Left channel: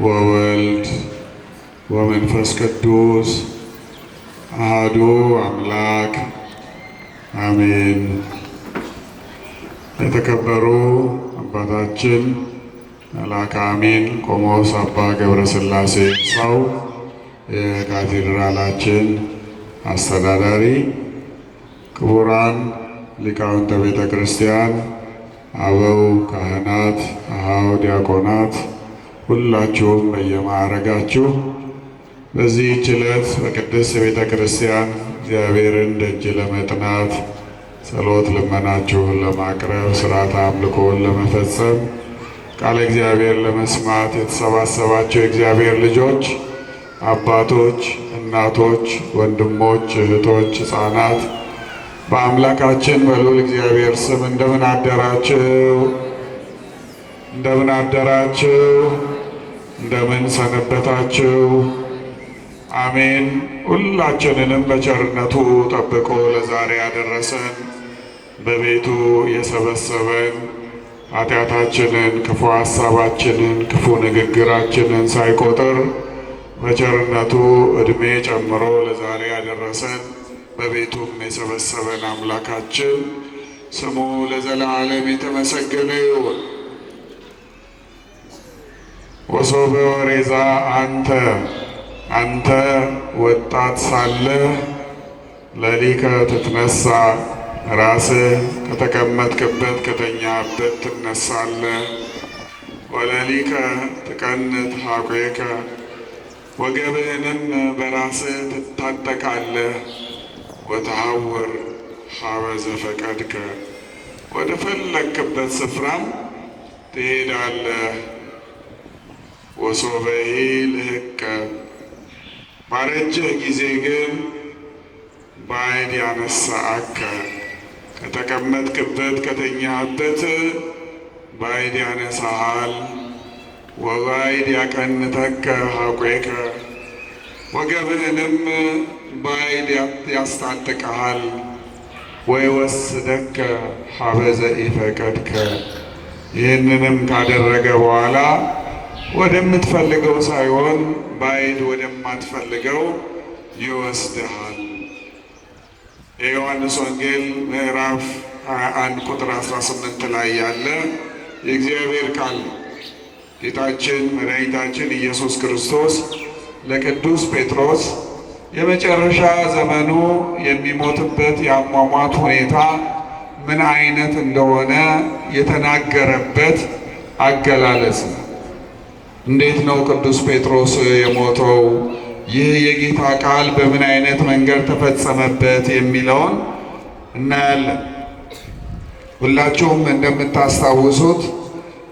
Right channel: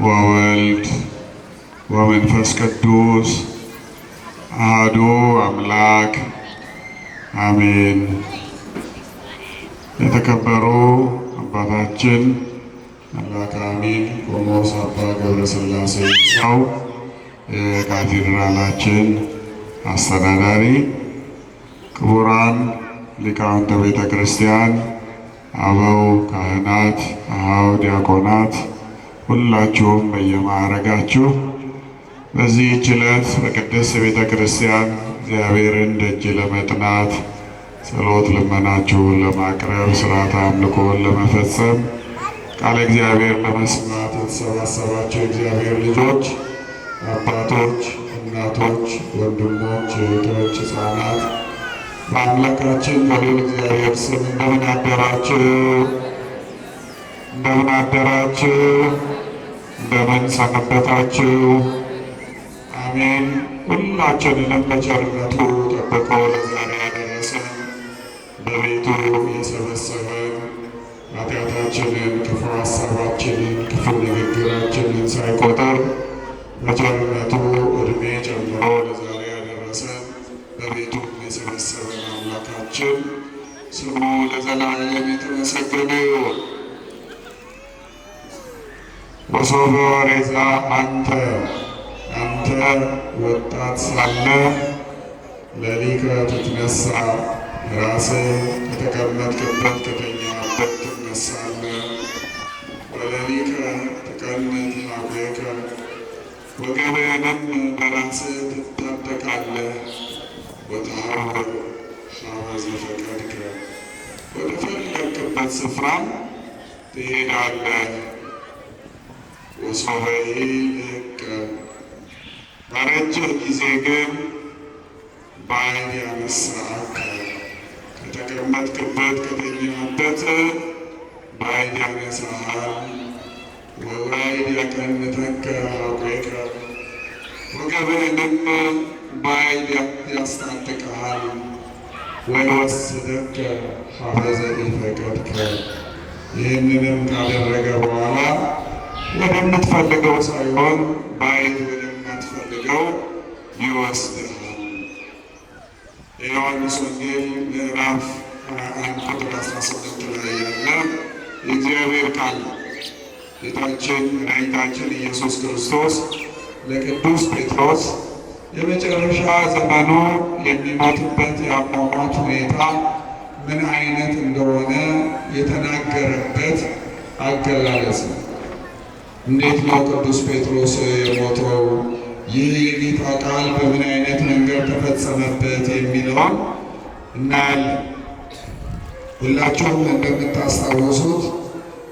ወወልድ ወመንፈስ ቅዱስ አሐዱ አምላክ አሜን። የተከበሩ አባታችን መልአከ አሚን ቆሞስ አባ ገብረ ሥላሴ ሰው የካቴድራላችን አስተዳዳሪ፣ ክቡራን ሊቃውንተ ቤተ ክርስቲያን፣ አበው ካህናት፣ አኀው ዲያቆናት፣ ሁላችሁም በየማዕረጋችሁ በዚህች ዕለት በቅድስት ቤተ ክርስቲያን እግዚአብሔርን ደጅ ለመጥናት ጸሎት ልመናችሁን ለማቅረብ ሥርዓተ አምልኮን ለመፈጸም ቃለ እግዚአብሔር ለመስማት የተሰባሰባቸው የእግዚአብሔር ልጆች፣ አባቶች፣ እናቶች፣ ወንድሞች፣ እህቶች፣ ሕፃናት በአምላካችን በልዑል እግዚአብሔር ስም እንደምን አደራችሁ? እንደምን አደራችሁ? እንደምን ሰነበታችሁ? አሜን። ሁላችንንም በቸርነቱ ጠብቆ ለዛሬ ያደረሰን በቤቱ የሰበሰበን ኃጢአታችንን፣ ክፉ ሐሳባችንን፣ ክፉ ንግግራችንን ሳይቆጥር በቸርነቱ ዕድሜ ጨምሮ ለዛሬ ያደረሰን በቤቱም የሰበሰበን አምላካችን ስሙ ለዘላለም የተመሰገነ ይሁን። ወሶበ ወሬዛ አንተ ወጣት ሳለህ ሌሊከ ትትነሣ፣ ራስህ ከተቀመጥክበት ከተኛበት ትነሳለህ። ወሌሊከ ትቀንት ኀቁከ፣ ወገብህንም በራስህ ትታጠቃለህ። ወተሐውር ኀበ ዘፈቀድከ፣ ወደ ፈለግክበት ስፍራ ትሄዳለህ። ወሶበሂ ልህከ፣ ባረጀህ ጊዜ ግን ባዕድ ያነሣእከ፣ ከተቀመጥክበት ከተኛህበት ባዕድ ያነሣሃል። ወባዕድ ያቀንተከ ኀቁከ፣ ወገብህንም ባዕድ ያስታጥቀሃል። ወይወስደከ ኀበ ዘኢፈቀድከ፣ ይህንንም ካደረገ በኋላ ወደምትፈልገው ሳይሆን ባዕድ ወደማትፈልገው ይወስድሃል። የዮሐንስ ወንጌል ምዕራፍ 21 ቁጥር 18 ላይ ያለ የእግዚአብሔር ቃል ጌታችን መድኃኒታችን ኢየሱስ ክርስቶስ ለቅዱስ ጴጥሮስ የመጨረሻ ዘመኑ የሚሞትበት የአሟሟት ሁኔታ ምን አይነት እንደሆነ የተናገረበት አገላለጽ ነው። እንዴት ነው ቅዱስ ጴጥሮስ የሞተው? ይህ የጌታ ቃል በምን አይነት መንገድ ተፈጸመበት የሚለውን እናያለን። ሁላችሁም እንደምታስታውሱት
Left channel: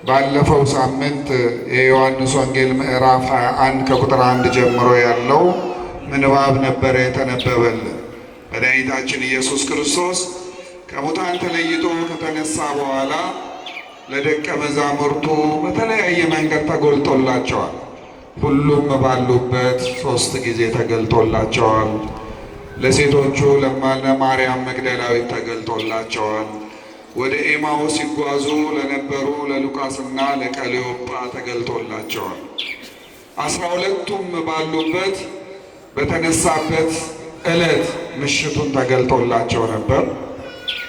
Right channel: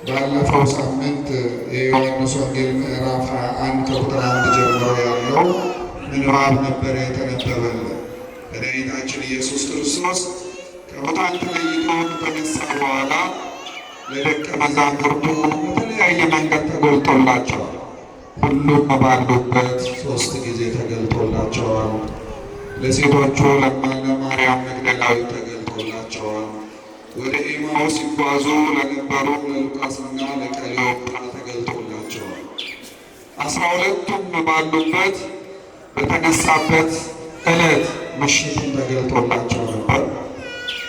ባለፈው ሳምንት የዮሐንስ ወንጌል ምዕራፍ 21 ከቁጥር 1 ጀምሮ ያለው ምንባብ ነበረ የተነበበልን። መድኃኒታችን ኢየሱስ ክርስቶስ ከሙታን ተለይቶ ከተነሳ በኋላ ለደቀ መዛሙርቱ በተለያየ መንገድ ተገልጦላቸዋል። ሁሉም ባሉበት 3 ጊዜ ተገልጦላቸዋል። ለሴቶቹ ለማርያም መግደላዊት ተገልጦላቸዋል። ወደ ኤማውስ ሲጓዙ ለነበሩ ለሉቃስና ለቀሌዮጳ ተገልጦላቸዋል። 12ቱም ባሉበት በተነሳበት ዕለት ምሽቱን ተገልጦላቸው ነበር።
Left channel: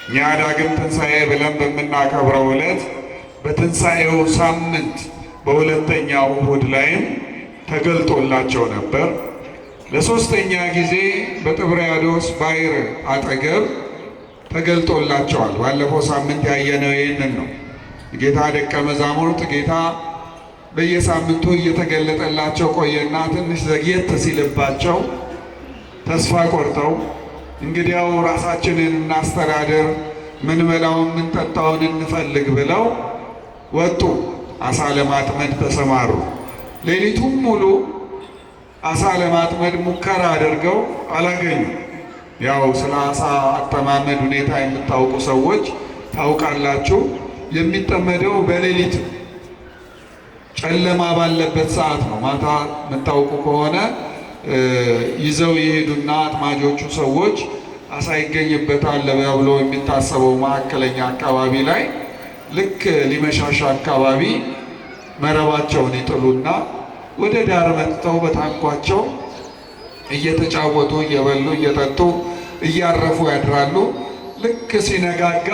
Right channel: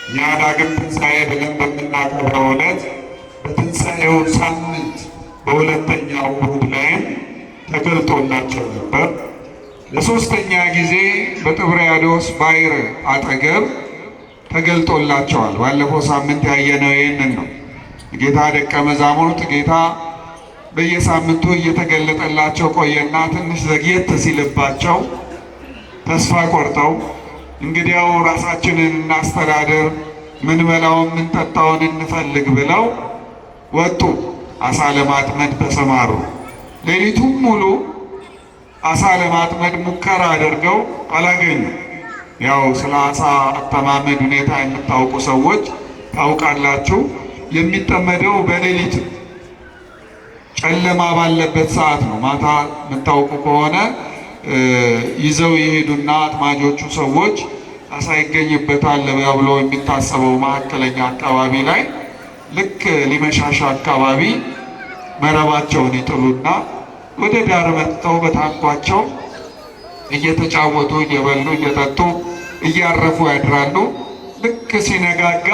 እኛ ዳግም ትንሣኤ ብለን በምናከብረው ዕለት በትንሣኤው ሳምንት በሁለተኛው እሑድ ላይም ተገልጦላቸው ነበር። ለሦስተኛ ጊዜ በጥብርያዶስ ባሕር አጠገብ ተገልጦላቸዋል። ባለፈው ሳምንት ያየነው ይህንን ነው። ጌታ ደቀ መዛሙርት ጌታ በየሳምንቱ እየተገለጠላቸው ቆየና ትንሽ ዘግየት ሲልባቸው ተስፋ ቆርጠው እንግዲያው ራሳችንን እናስተዳደር፣ ምን በላውን ምን ጠጣውን እንፈልግ ብለው ወጡ። አሳ ለማጥመድ ተሰማሩ። ሌሊቱም ሙሉ አሳ ለማጥመድ ሙከራ አድርገው አላገኙም። ያው ስለ አሳ አጠማመድ ሁኔታ የምታውቁ ሰዎች ታውቃላችሁ። የሚጠመደው በሌሊት ጨለማ ባለበት ሰዓት ነው። ማታ የምታውቁ ከሆነ ይዘው የሄዱና አጥማጆቹ ሰዎች አሳ ይገኝበታል ብሎ የሚታሰበው መካከለኛ አካባቢ ላይ ልክ ሊመሻሻ አካባቢ መረባቸውን ይጥሉና ወደ ዳር መጥተው በታንኳቸው እየተጫወቱ እየበሉ እየጠጡ እያረፉ ያድራሉ። ልክ ሲነጋጋ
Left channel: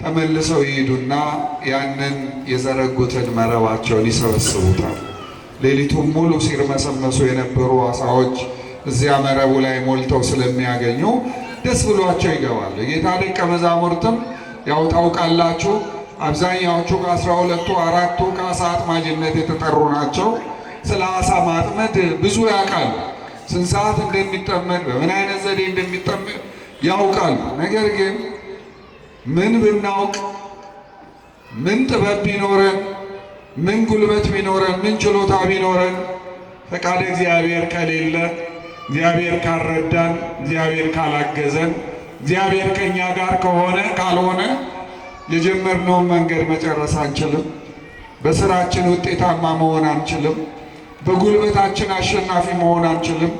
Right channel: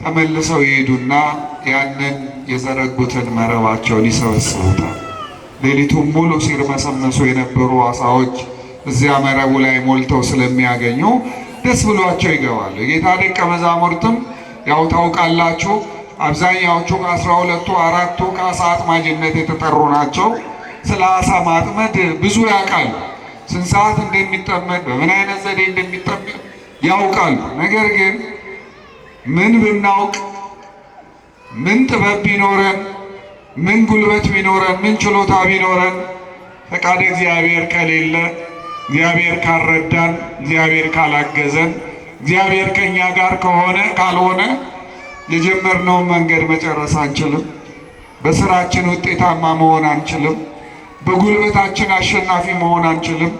ተመልሰው ይሄዱና ያንን የዘረጉትን መረባቸውን ይሰበስቡታል። ሌሊቱን ሙሉ ሲርመሰመሱ የነበሩ አሳዎች እዚያ መረቡ ላይ ሞልተው ስለሚያገኙ ደስ ብሏቸው ይገባሉ። የጌታ ደቀ መዛሙርትም ያው ታውቃላችሁ፣ አብዛኛዎቹ ከ12ቱ አራቱ ከአሳ አጥማጅነት የተጠሩ ናቸው። ስለ አሳ ማጥመድ ብዙ ያውቃሉ። ስንት ሰዓት እንደሚጠመድ በምን አይነት ዘዴ እንደሚጠመድ ያውቃሉ። ነገር ግን ምን ብናውቅ፣ ምን ጥበብ ቢኖረን፣ ምን ጉልበት ቢኖረን፣ ምን ችሎታ ቢኖረን ፈቃድ እግዚአብሔር ከሌለ፣ እግዚአብሔር ካልረዳን፣ እግዚአብሔር ካላገዘን፣ እግዚአብሔር ከኛ ጋር ካልሆነ የጀመርነውን መንገድ መጨረስ አንችልም። በስራችን ውጤታማ መሆን አንችልም። በጉልበታችን አሸናፊ መሆን አንችልም።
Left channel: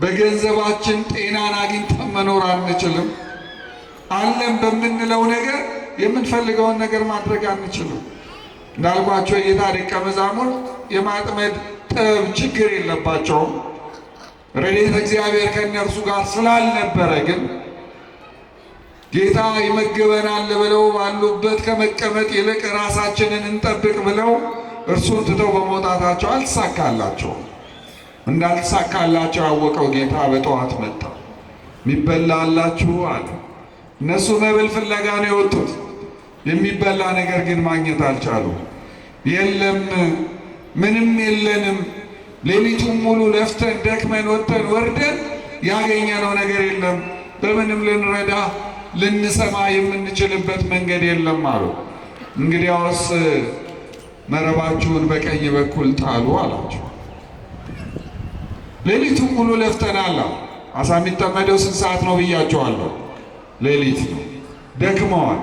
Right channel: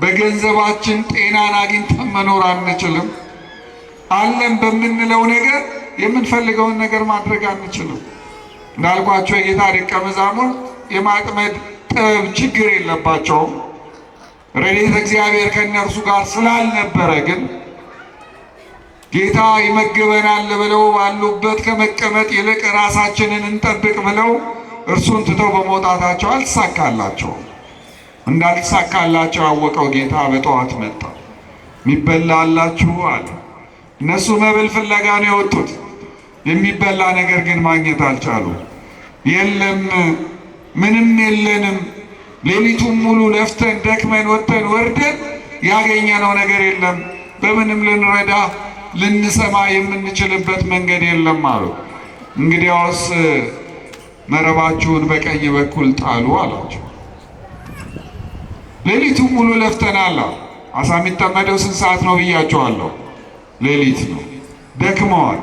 በገንዘባችን ጤናን አግኝተን መኖር አንችልም። አለን በምንለው ነገር የምንፈልገውን ነገር ማድረግ አንችልም። እንዳልኳቸው የጌታ ደቀ መዛሙርት የማጥመድ ጥበብ ችግር የለባቸውም። ረድኤተ እግዚአብሔር ከእነርሱ ጋር ስላልነበረ ግን ጌታ ይመግበናል ብለው ባሉበት ከመቀመጥ ይልቅ ራሳችንን እንጠብቅ ብለው እርሱን ትተው በመውጣታቸው አልተሳካላቸውም። እንዳልተሳካላቸው ያወቀው ጌታ በጠዋት መጣ። የሚበላ አላችሁ አለ። እነሱ መብል ፍለጋ ነው የወጡት። የሚበላ ነገር ግን ማግኘት አልቻሉም። የለም፣ ምንም የለንም። ሌሊቱን ሙሉ ለፍተን ደክመን ወጥተን ወርደን ያገኘነው ነገር የለም። በምንም ልንረዳ ልንሰማ የምንችልበት መንገድ የለም አሉ። እንግዲያውስ መረባችሁን በቀኝ በኩል ጣሉ አላቸው። ሌሊቱን ሙሉ ለፍተናል። አሳ የሚጠመደው ስንት ሰዓት ነው ብያቸዋለሁ? ሌሊት ነው። ደክመዋል።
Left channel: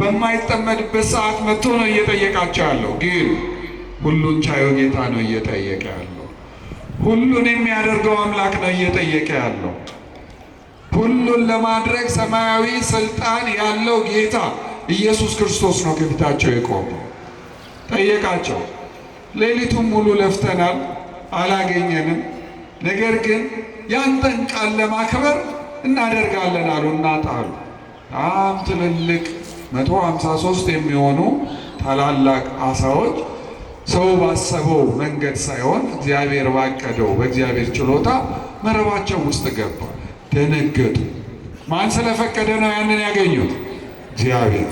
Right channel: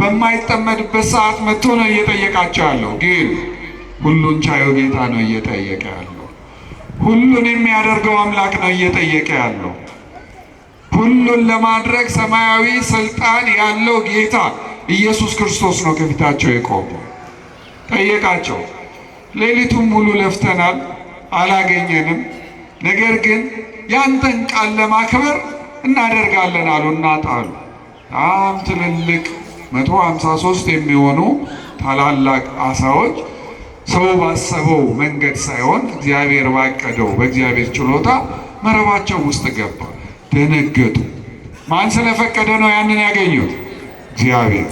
በማይጠመድበት ሰዓት መጥቶ ነው እየጠየቃቸው ያለው። ግን ሁሉን ቻዩ ጌታ ነው እየጠየቀ ያለው። ሁሉን የሚያደርገው አምላክ ነው እየጠየቀ ያለው። ሁሉን ለማድረግ ሰማያዊ ስልጣን ያለው ጌታ ኢየሱስ ክርስቶስ ነው ከፊታቸው የቆመው። ጠየቃቸው። ሌሊቱን ሙሉ ለፍተናል፣ አላገኘንም። ነገር ግን ያንተን ቃል ለማክበር እናደርጋለን አሉና ጣሉ። በጣም ትልልቅ 153 የሚሆኑ ታላላቅ አሳዎች ሰው ባሰበው መንገድ ሳይሆን እግዚአብሔር ባቀደው በእግዚአብሔር ችሎታ መረባቸው ውስጥ ገባ። ደነገጡ። ማን ስለፈቀደ ነው ያንን ያገኙት? እግዚአብሔር።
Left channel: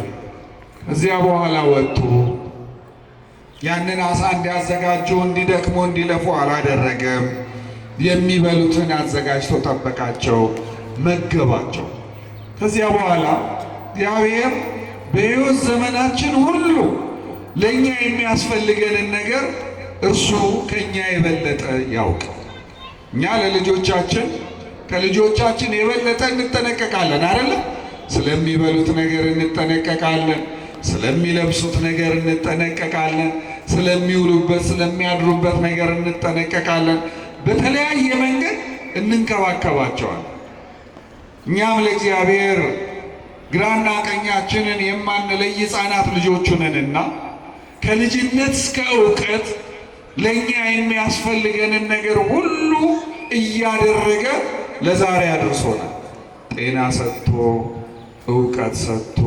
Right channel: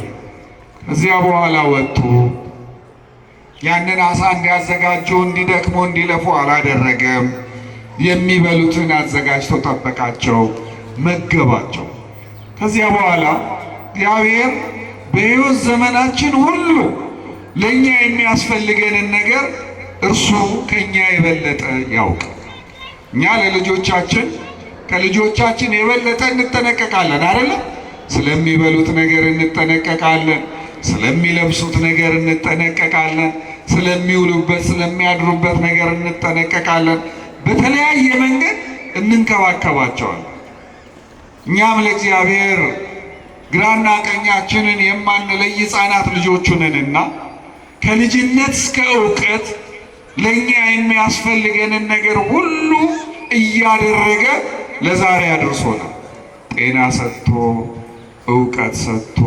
እዚያ በኋላ ወጡ። ያንን አሳ እንዲያዘጋጁ እንዲደክሙ እንዲለፉ አላደረገም። የሚበሉትን አዘጋጅቶ ጠበቃቸው፣ መገባቸው። ከዚያ በኋላ እግዚአብሔር በሕይወት ዘመናችን ሁሉ ለእኛ የሚያስፈልገንን ነገር እርሱ ከእኛ የበለጠ ያውቃል። እኛ ለልጆቻችን ከልጆቻችን የበለጠ እንጠነቀቃለን አይደለ? ስለሚበሉት ነገር እንጠነቀቃለን። ስለሚለብሱት ነገር እንጠነቀቃለን። ስለሚውሉበት ስለሚያድሩበት ነገር እንጠነቀቃለን። በተለያየ መንገድ እንንከባከባቸዋለን። እኛም ለእግዚአብሔር ግራና ቀኛችንን የማንለይ ሕፃናት ልጆቹ ነንና ከልጅነት እስከ እውቀት ለእኛ የሚያስፈልገንን ነገር ሁሉ እያደረገ ለዛሬ አድርሶናል። ጤና ሰጥቶ፣ እውቀት ሰጥቶ፣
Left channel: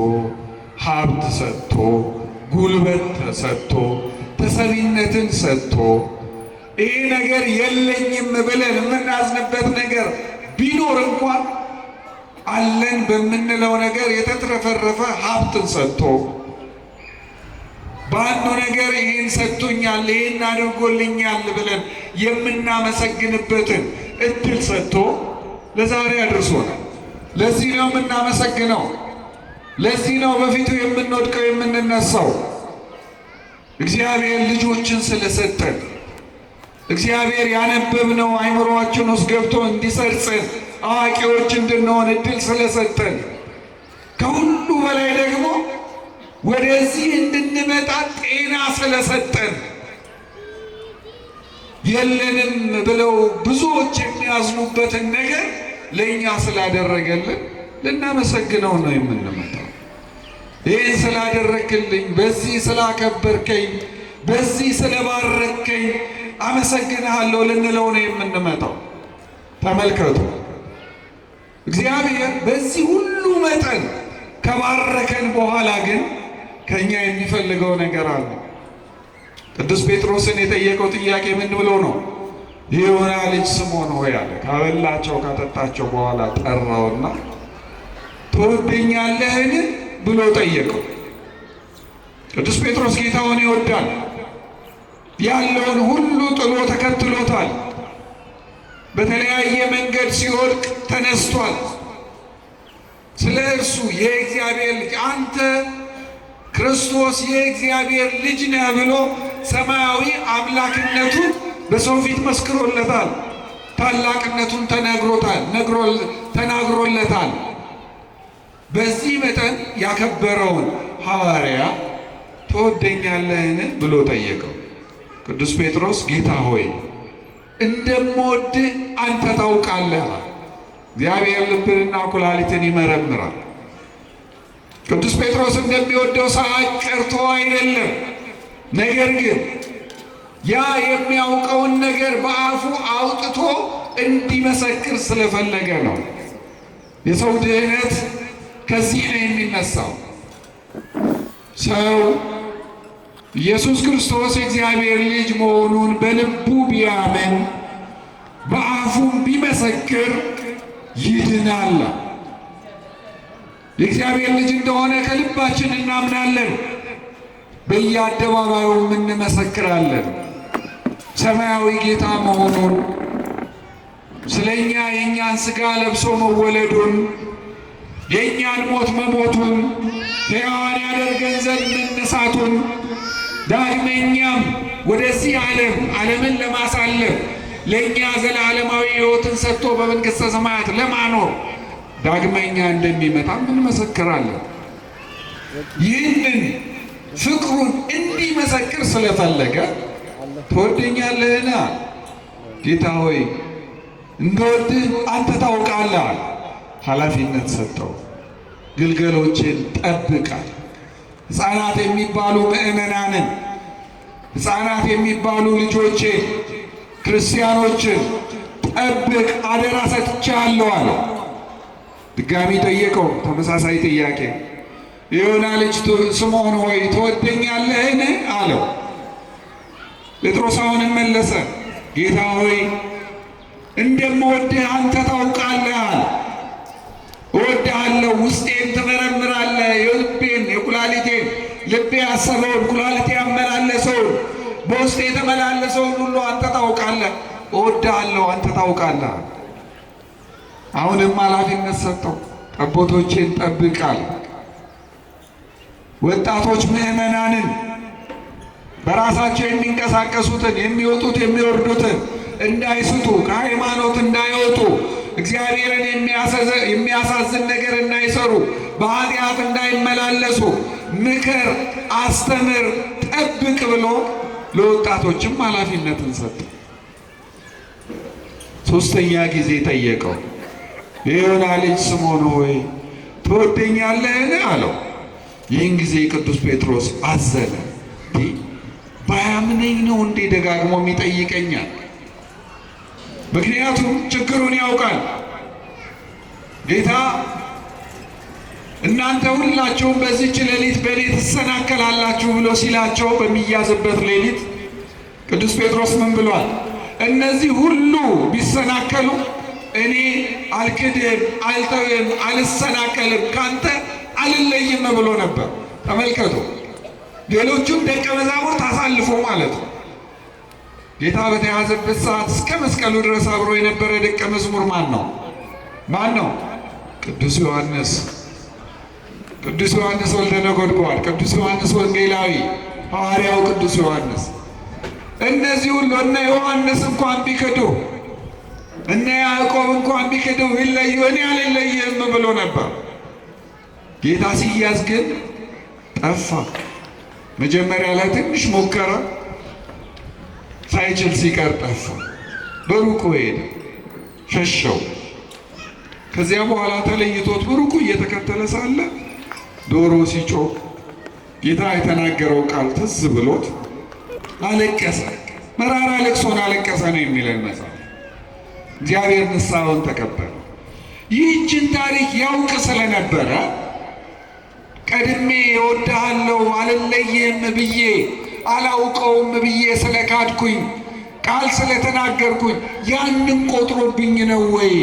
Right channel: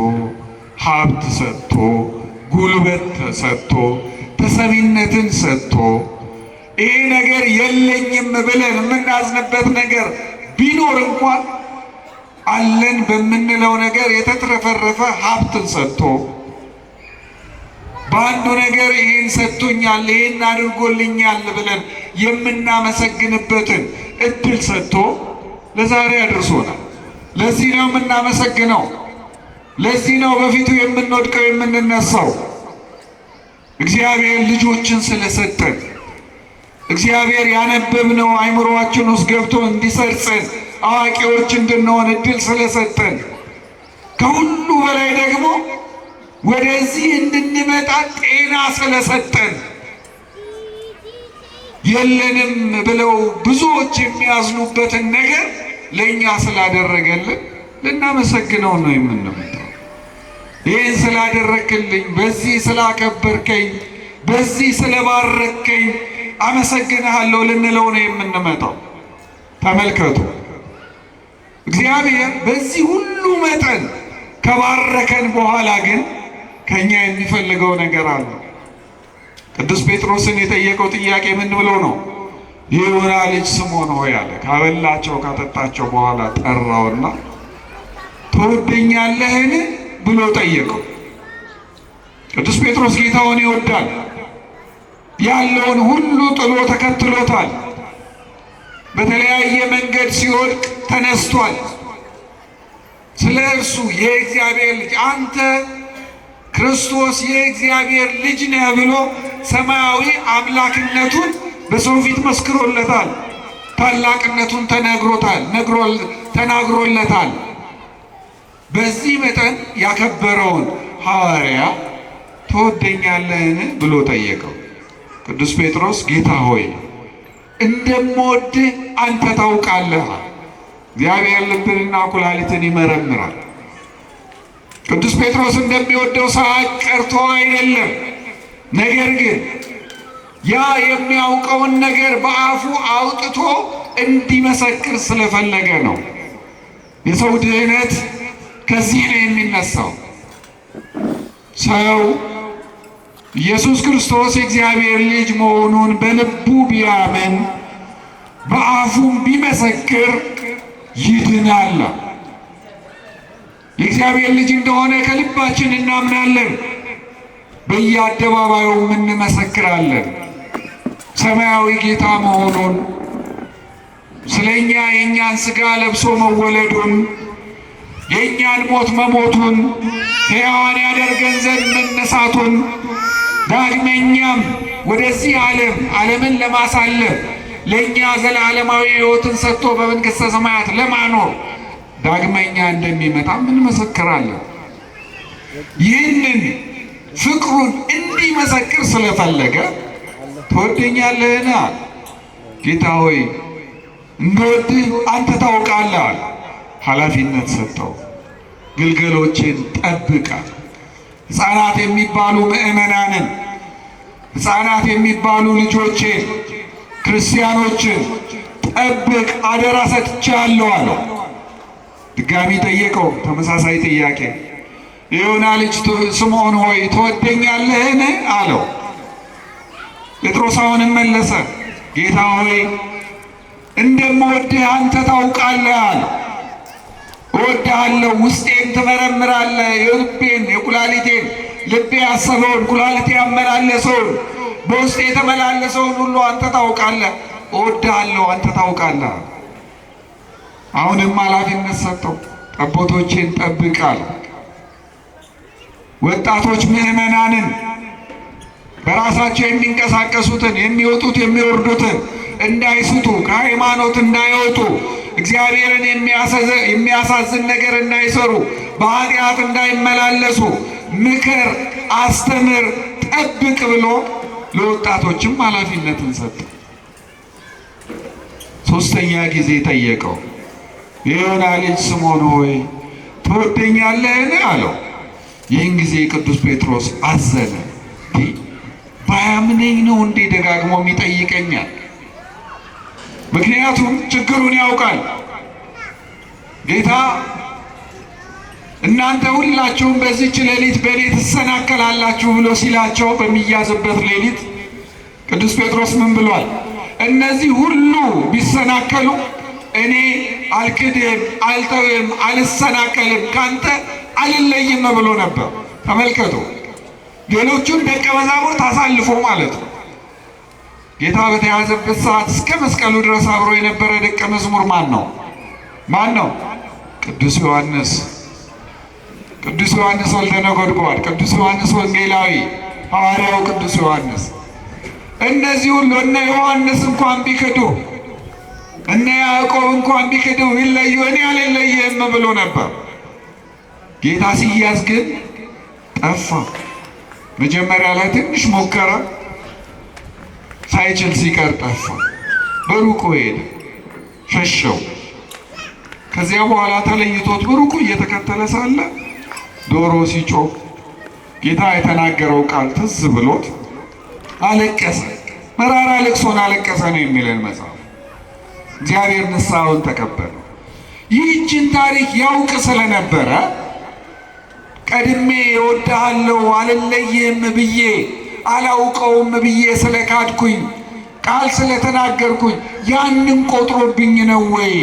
ሀብት ሰጥቶ፣ ጉልበት ሰጥቶ፣ ተሰሚነትን ሰጥቶ ይሄ ነገር የለኝም ብለን የምናዝንበት ነገር ቢኖር እንኳን አለን በምንለው ነገር የተትረፈረፈ ሀብትን ሰጥቶ በአንዱ ነገር ይሄን ሰጥቶኛል፣ ይሄን አድርጎልኛል ብለን የምናመሰግንበትን እድል ሰጥቶ ለዛሬ አድርሶናል። ለዚህ ነው የምናመሰግነው። ለዚህ ነው በፊቱ የምንወድቀው የምንነሳው። እግዚአብሔር ልጆችን ስለሰጠን፣ እግዚአብሔር ያነበብነው አይምሮአችን ውስጥ ገብቶ እንዲሰርጸን አዋቂዎች እንድንሆን እድል ስለሰጠን፣ ከሁሉ በላይ ደግሞ ወደዚህ እንድንመጣ ጤና ስለሰጠን፣ የለንም ብለው ብዙዎች የሚያዝኑበትን ነገር ለእኛ ስላደረገልን ልናመሰግነው ነው የምንመጣው። ይህን ስላደረክልኝ፣ በዚህ ስላከበርከኝ፣ በዚህ ስለባረከኝ፣ አመሰግንሃለሁ ልንለው ነው የምንመጣው። ተመልከቱ፣ እግዚአብሔር በዚህ ሁሉ መጠን ከባረከን በኋላ ግን ከኛ የሚፈልገው ነገር አለ። ቅዱስ ጴጥሮስን የጠየቀው ጥያቄ ምን ብሎ ነው? የዮና ልጅ ስምዖን ሆይ አለ። ካበላቸው ካጠጣቸው በኋላ ጠራውና ትወደኛለህን ብሎ ጠየቀው። ቅዱስ ጴጥሮስ ጌታውን ይወዳል። ያለውን ሁሉ ጥሎ ተከትሎታል። በተለያየ መንገድ ሲወድቅ ተነስቷል። ስለ እርሱ የእግዚአብሔር ልጅ አንተ ክርስቶስ የእግዚአብሔር ልጅ ነህ ብሎ ሰማያዊ አምላክነቱን በሰው ፊት መስክሮለታል። ታላቅነቱን ተናግሮለታል። በዚህ መጠን ያከበረውን ሐዋርያ ትወደኛለህን ብሎ ጠየቀው። ቅዱስ ጴጥሮስ ጌታ ሆይ እንደምወድህ አንተ ታውቃለህ። እግዚአብሔር ልብንና ኩላሊትን ይመረምራል። ቅዱስ ጴጥሮስ እንደሚወደው ሳያውቅ ቀርቶ አይደለም። ነገር ግን ያ የሚያውቀውን ነገር በአፉ አውጥቶ እንዲመሰክር ስለፈለገ ነው። የሰው ድህነት ከዚህ ነው የሚነሳው። ሰው ኢየሱስ ክርስቶስ የእግዚአብሔር ልጅ መሆኑን በልቡ ቢያምን በአፉም ቢመሰክር ይድናል። የእግዚአብሔር ልጅ እንደሆነ ከልባችን እናምናለን፣ በየአደባባዩም እንመሰክራለን። ሰማያዊ ጌታ መሆኑን፣ ስለኛ የእኛን ሥጋ ለብሶ መወለዱን፣ የእኛን ሞት መሞቱን፣ ሕያዋን ያደርገን ዘንድ መነሳቱን፣ ዳግመኛም ወደዚህ ዓለምን ለማሳለፍ ለእኛ ዘላለማዊ ሕይወትን ሰጥቶ በመንግሥተ ሰማያት ለማኖር ዳግመኛ እንደሚመጣ እንመሰክራለን። ይህንን ፍቅሩን እንዲመሰክር ስለፈለገ ትወደኛለህን? ጌታ ሆይ እንደወድህ አንተ ታውቃለህ። ኃላፊነት ሰጠው። ግልገሎችን ጠብቃ፣ ሕፃናት የሚባሉ ምእመናንን፣ ሕፃናት የሚባሉ ልጆቼን ክርስቲያኖችን ጠብቅ አደራ ሰጥቻለሁ አለ። ድጋሚ ጠየቀው ተመሳሳይ ጥያቄ። የዮና ልጅ ስምዖን ሆይ ትወደኛለህን አለው። ጴጥሮስ አሁንም መለሰ፣ ጌታ ሆይ እንደምወድህ አንተ ታውቃለህ አለ። እወድሃለሁ፣ ውስጤን ትመረምራለህ፣ የልቤን የኩላሊቴን ልቤ ያሰበውን ኩላሊቴ ያመላለሰውን በውስጤ የተመላለሰውን ሁሉ አንተ ታውቃለህ። እወድሃለሁ፣ አንተ ታውቃለህ። አሁንም ኃላፊነት ሰጠው። ጠቦቶቼን ጠብቃል። ወጣቶች ምዕመናንን በራሳቸው የሚንቀሳቀሱትን የሚወጡት የሚወርዱትን እንዳይስቱ፣ ከሃይማኖት እንዳይወጡ፣ እግዚአብሔርን የሚያሳዝን ነገር እንዳይሰሩ፣ በኃጢአት እንዳይመላለሱ ምክር፣ አስተምር፣ ጠብቅ ብሎ ለወጣቶችም ኃላፊነትን ሰጠ። ሦስተኛ ጊዜ ጠየቀው፣ የዮና ልጅ ስምዖን ሆይ ትወደኛለህን አለው። ይህን ጊዜ ቅዱስ ጴጥሮስ አዘነ። ባያምነኝ ነው እንዴ ደጋግሞ የሚጠይቀኛል? ምክንያቱም ችግሩን ያውቃል። ጌታ እናንተ ሁላችሁም በዚህች ሌሊት በእኔ ትሰናከላላችሁ ብሎ ሲላቸው በሚያዝበት ሌሊት ቅዱስ ጴጥሮስ ምን ብሏል? እነዚህ ሁሉ ቢሰናከሉ እኔ አልክድም፣ አልተውም፣ አልሰናከልም፣ ካንተ አልለይም ብሎ ነበር። ተመልከቱ፣ ሌሎቹም ደቀ መዛሙርት አሳልፎ ማለት ነው። ጌታ በተያዘበት ሰዓት እስከ መስቀሉ ድረስ አብሮ የነበረ ደቀ መዝሙር ማን ነው? ቅዱስ ዮሐንስ። ቅዱስ ዮሐንስ ወልደ ነጎድጓድ፣ ቅዱስ ዮሐንስ ወንጌላዊ፣ ሐዋርያው ቅዱስ ዮሐንስ። እነዚህ ሁሉ እነ ዮሐንስ እንኳን ቢክዱ፣ እነ ያዕቆብ እንኳን ቢክዱ ይለዩ፣ እኔ አልለይህም ብሎ ነበር። ጌታ ሲያዝ ግን ጠፋ። መጀመሪያ ላይ ትንሽ ሞከረ፣ ሳይችል ሲቀር ጠፋ። በሩቁ ሄደ፣ ሸሸው። ከዚያ በኋላ ተለይቶት በሩቁ እየተከተለ ሳለ ዶሮ ሲጮህ ጌታ የተናገረው ቃል ትዝ ብሎት አለቀሰ። መራራ ልቅሶን አለቀሰ ነው የሚለን መጽሐፍ። እግዚአብሔር ንስሐውን ተቀበለ። ይህችን ታሪክ ያውቅ ስለነበረ ቀድሜ እወድሃለሁ አልለይህም ብዬ አላውቀውም ብዬ ስለካድኩኝ ቃል ስለተናገርኩኝ ያንን ቆጥሮብኝ ነው ወይ?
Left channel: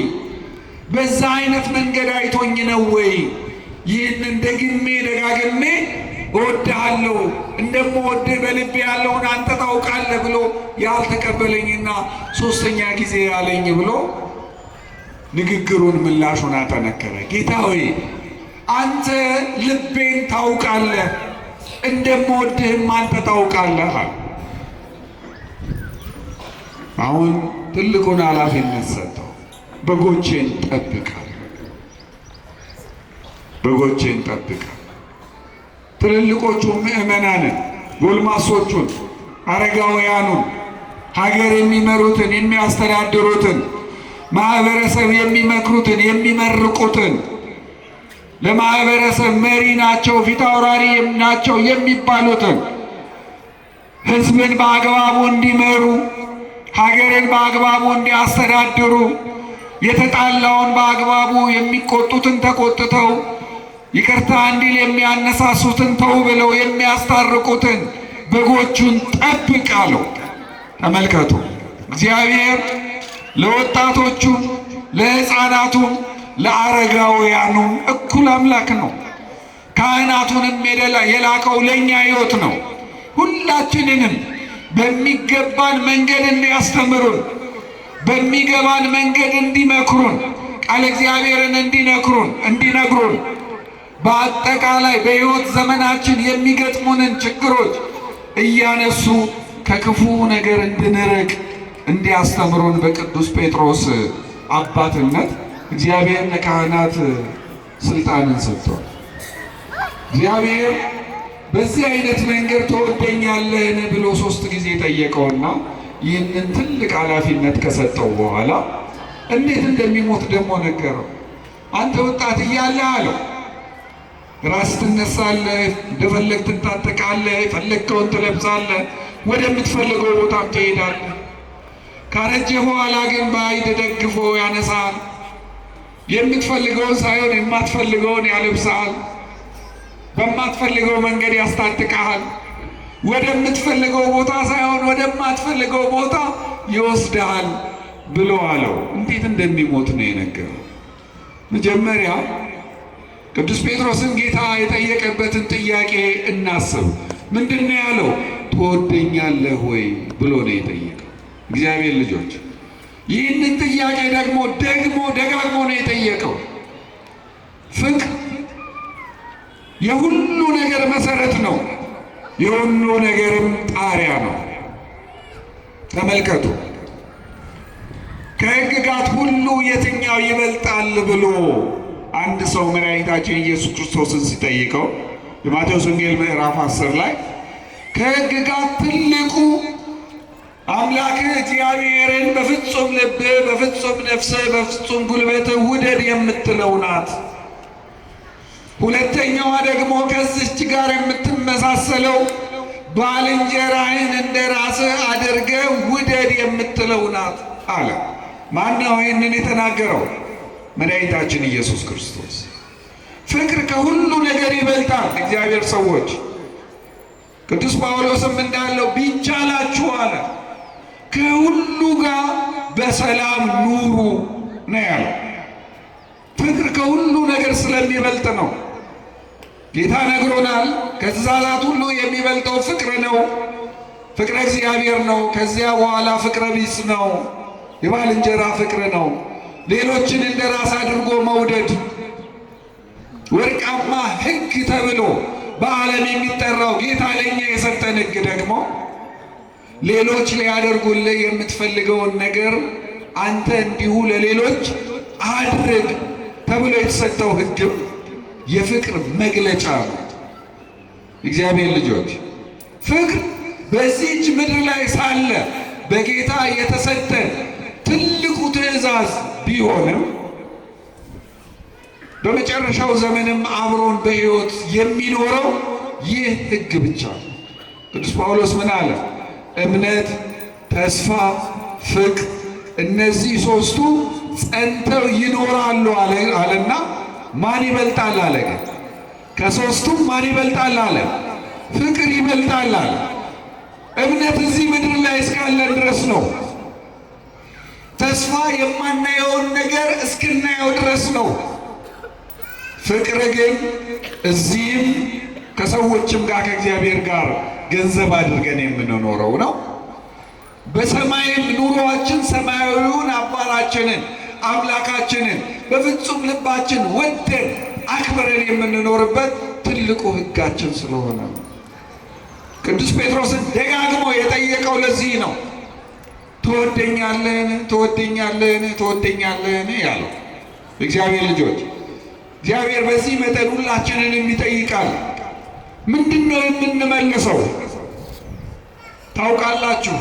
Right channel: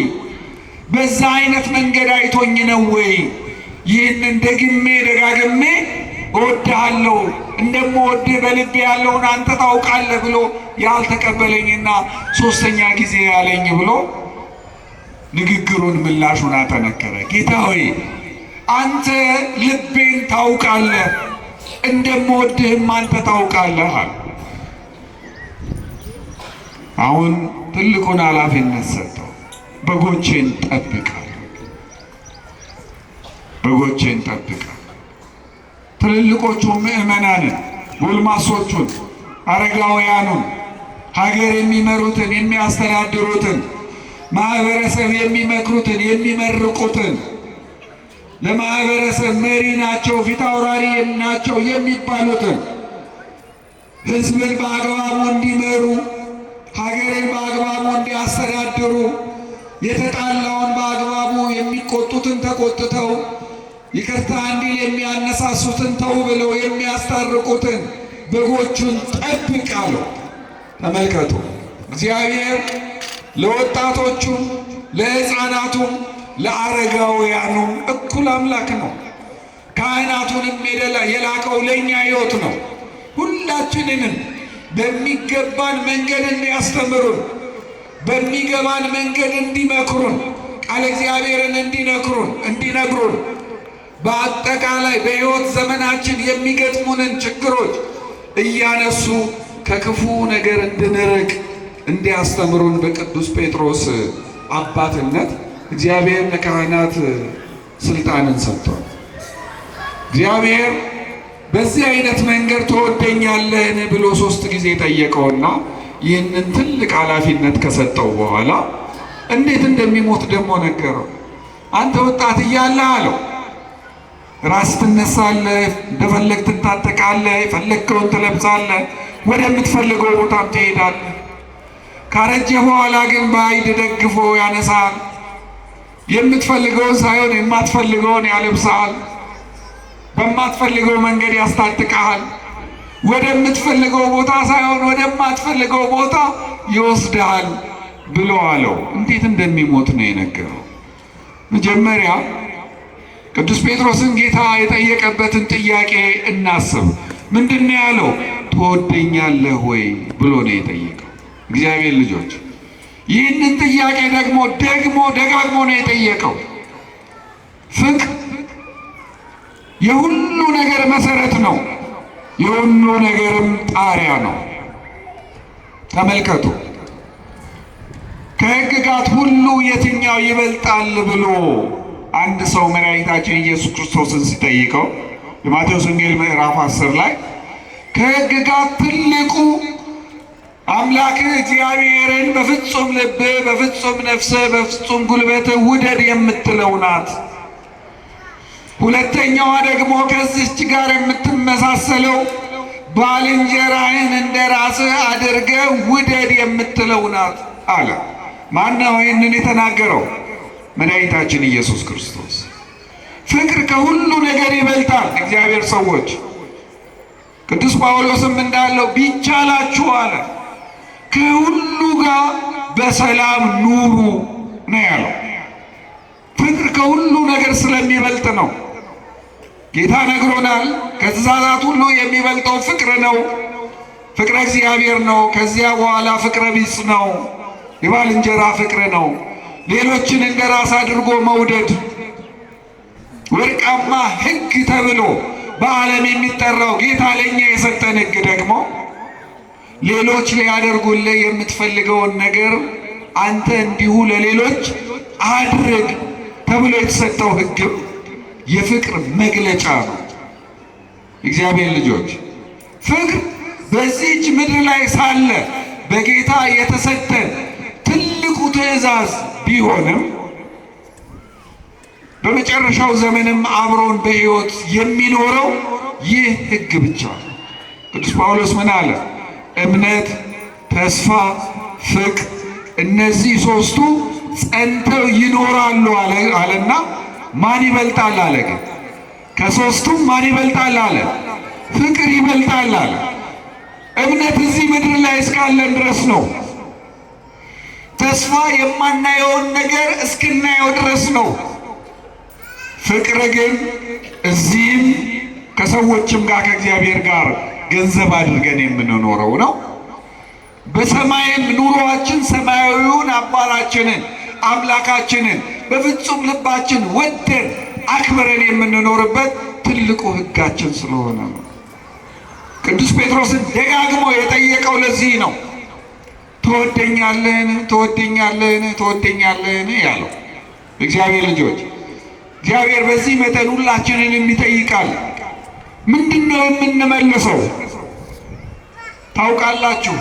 በዛ አይነት መንገድ አይቶኝ ነው ወይ? ይህንን ደግሜ ደጋግሜ እወድሃለሁ እንደምወድህ በልቤ ያለውን አንተ ታውቃለህ ብሎ ያልተቀበለኝና ሦስተኛ ጊዜ ያለኝ ብሎ ንግግሩን ምላሹን አጠነከረ። ጌታ ሆይ አንተ ልቤን ታውቃለህ፣ እንደምወድህም አንተ ታውቃለህ። አሁን ትልቁን ኃላፊነት ሰጠው። በጎቼን ጠብቅ፣ በጎቼን ጠብቅ። ትልልቆቹ ምዕመናንን፣ ጎልማሶቹን፣ አረጋውያኑን፣ ሀገር የሚመሩትን የሚያስተዳድሩትን፣ ማህበረሰብ የሚመክሩትን የሚመርቁትን፣ ለማህበረሰብ መሪ ናቸው ፊት አውራሪ ናቸው የሚባሉትን ሕዝብን በአግባቡ እንዲመሩ ሀገርን በአግባቡ እንዲያስተዳድሩ የተጣላውን በአግባቡ የሚቆጡትን ተቆጥተው ይቅርታ እንዲል የሚያነሳሱትን ተው ብለው የሚያስታርቁትን በጎቹን ጠብቅ አለው። ተመልከቱ፣ እግዚአብሔር ለወጣቶቹም ለሕፃናቱም ለአረጋውያኑም እኩል አምላክ ነው። ካህናቱንም የላከው ለእኛ ሕይወት ነው። ሁላችንንም በሚገባን መንገድ እንዲያስተምሩን፣ በሚገባን መንገድ እንዲመክሩን፣ ቃለ እግዚአብሔርን እንዲነግሩን በአጠቃላይ በሕይወት ዘመናችን የሚገጥሙንን ችግሮች እያነሱ ከክፉ ነገር እንድንርቅ እንዲያስተምሩን በቅዱስ ጴጥሮስ አባትነት እግዚአብሔር ለካህናት ስልጣንን ሰጥቷል። እግዚአብሔር በዚህ አይነት መንገድ ትወደኛለህን ብሎ 3 ጊዜ ጠየቀውና ይህንን ትልቅ ኃላፊነት ከሰጠው በኋላ እንዴት እንደሚሞት ደግሞ ነገረው። አንተ ወጣት እያለህ አለው ራስ ትነሳለህ፣ እንደፈለግ ትታጠቃለህ፣ የፈለግከውን ትለብሳለህ፣ ወደምትፈልገው ቦታም ትሄዳለህ። ካረጀ በኋላ ግን በአይድ ደግፎ ያነሳል። የምትፈልገውን ሳይሆን የማትፈልገውን ያለብሳል። በማትፈልገው መንገድ ያስታጥቃል። ወደምትፈልገው ቦታ ሳይሆን ወደማትፈልገው ቦታ ይወስድሃል ብሎ አለው። እንዴት እንደሚሞት ነው የነገረው። መጀመሪያ ቅዱስ ጴጥሮስን ጌታ የጠየቀበትን ጥያቄ እናስብ። ምንድን ነው ያለው? ትወደኛለህ ወይ ብሎ ነው የጠየቀው። እግዚአብሔር ልጆች ይህንን ጥያቄ ደግሞ ደጋግሞ ነው የጠየቀው። ፍቅር የሁሉ ነገር መሰረት ነው፣ የሁሉ ነገርም ጣሪያ ነው። ተመልከቱ፣ ከሕግጋት ሁሉ የትኛው ይበልጣል ብሎ አንድ ሰው መድኃኒታችን ኢየሱስ ክርስቶስን ሲጠይቀው የማቴዎስ ወንጌል ምዕራፍ 10 ላይ ከሕግጋት ትልቁ አምላክህ እግዚአብሔርን በፍጹም ልብህ፣ በፍጹም ነፍስህ፣ በፍጹም ጉልበትህ ውደድ የምትለው ናት። ሁለተኛዋ ደግሞ ከዚህች ጋር የምትመሳሰለው ባልንጀራህን እንደ ራስህ አድርገህ ውደድ የምትለው ናት አለ። ማነው ይህንን የተናገረው? መድኃኒታችን ኢየሱስ ክርስቶስ። ፍቅር ከሁሉ ነገር ይበልጣል። እግዚአብሔር ሰዎች ቅዱስ ጳውሎስም እንዳለው ቢቻላችሁ አለ ከሁሉ ጋር በሰላም ኑሩ ነው ያለው። ፍቅር ከሁሉ ነገር ስለሚበልጥ ነው። ጌታ ነግሮናል። ከትእዛዛት ሁሉ የሚበልጠው ፍቅር ነው፣ ፍቅረ እግዚአብሔር ነው። ከዚያ በኋላ ፍቅረ ቢጽ ነው፣ የባልንጀራ ፍቅር ነው። ሌሎችን እንደ ራስ አድርጎ መውደድ ወርቃማ ሕግ ተብሎ በዓለም የሚጠራው ጌታ ለእኛ የሰጠን ሕግ ደግሞ ሌሎች ሊያደርጉልህ የምትፈልገውን ነገር አንተ እንዲሁ ለሌሎች አድርግ ተብሎ የተሰጠው ሕግም የፍቅር መግለጫ ነው። እግዚአብሔር ልጆች ፍቅር በዚህች ምድር ላይ ሳለ በጌታ የተሰጠን ትልቁ ትእዛዝ ቢሆንም በመጨረሻው ዘመንም አብሮን በሕይወት የሚኖረው ይህ ሕግ ብቻ ነው። ቅዱስ ጳውሎስ ምን አለ? እምነት፣ ተስፋ፣ ፍቅር እነዚህ ሦስቱ ጸንተው ይኖራሉ አለና ማን ይበልጣል አለ። ግን ከሦስቱም ማን ይበልጣል አለ? ፍቅር ይበልጣል አለ። እምነት እዚህ ምድር ላይ እስካለን ድረስ ነው። ተስፋ የማናየውን ነገር እስክናየው ድረስ ነው። ፍቅር ግን እዚህም ከሰዎችም ጋር ከእግዚአብሔር ጋር ገንዘብ አድርገን የምንኖረው ነው። በሰማይም ኑሮአችን ሰማያዊውን አባታችንን አምላካችንን በፍጹም ልባችን ወደን አክብረን የምንኖርበት ትልቁ ሕጋችን ስለሆነ ነው። ቅዱስ ጴጥሮስን ደጋግሞ የጠየቀው ለዚህ ነው። ትወደኛለህን? ትወደኛለህን? ትወደኛለህን? ያለው እግዚአብሔር ልጆች፣ እግዚአብሔር በዚህ መጠን ሁላችንን ይጠይቃል። ምንድን ነው የምንመልሰው? ታውቃላችሁ፣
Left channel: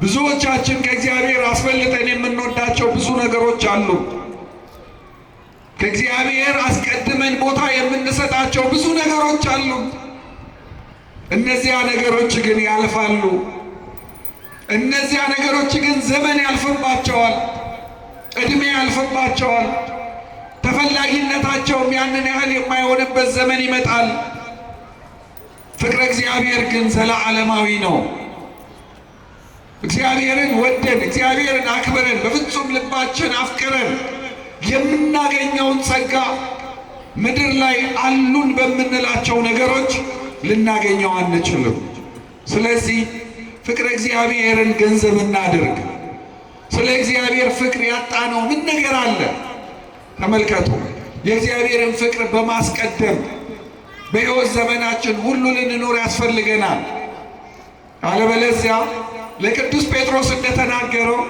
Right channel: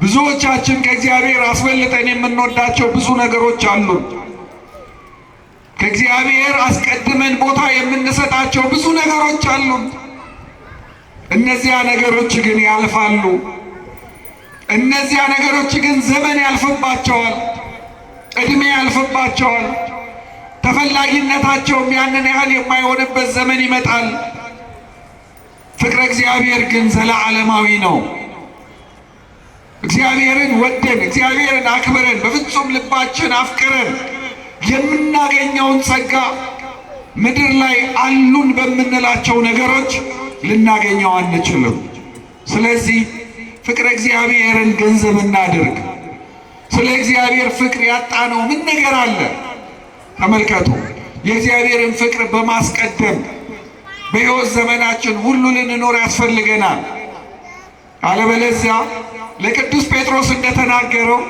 ብዙዎቻችን ከእግዚአብሔር አስበልጠን የምንወዳቸው ብዙ ነገሮች አሉ። ከእግዚአብሔር አስቀድመን ቦታ የምንሰጣቸው ብዙ ነገሮች አሉ። እነዚያ ነገሮች ግን ያልፋሉ። እነዚያ ነገሮች ግን ዘመን ያልፍባቸዋል፣ ዕድሜ ያልፍባቸዋል። ተፈላጊነታቸውም ያንን ያህል የማይሆንበት ዘመን ይመጣል። ፍቅረ እግዚአብሔር ግን ዘለዓለማዊ ነው። እግዚአብሔርን ወደን እግዚአብሔርን አክብረን በፍጹም ልባችን አፍቅረን የምናገኘውን ጸጋ ምድር ላይ አሉን በምንላቸው ነገሮች ልናገኘው አንችልም። ስለዚህ ፍቅረ እግዚአብሔርን ገንዘብ እናድርግ። ስለ እግዚአብሔር ፍቅር ያጣነው ምን ነገር አለ? ተመልከቱ። የእግዚአብሔርን ፍቅር በማስቀደም በሕይወት ዘመናችን ሁሉ ልንኖር ያስፈልገናል። አለበለዚያ ለቅዱስ ጴጥሮስ እንደተናገረው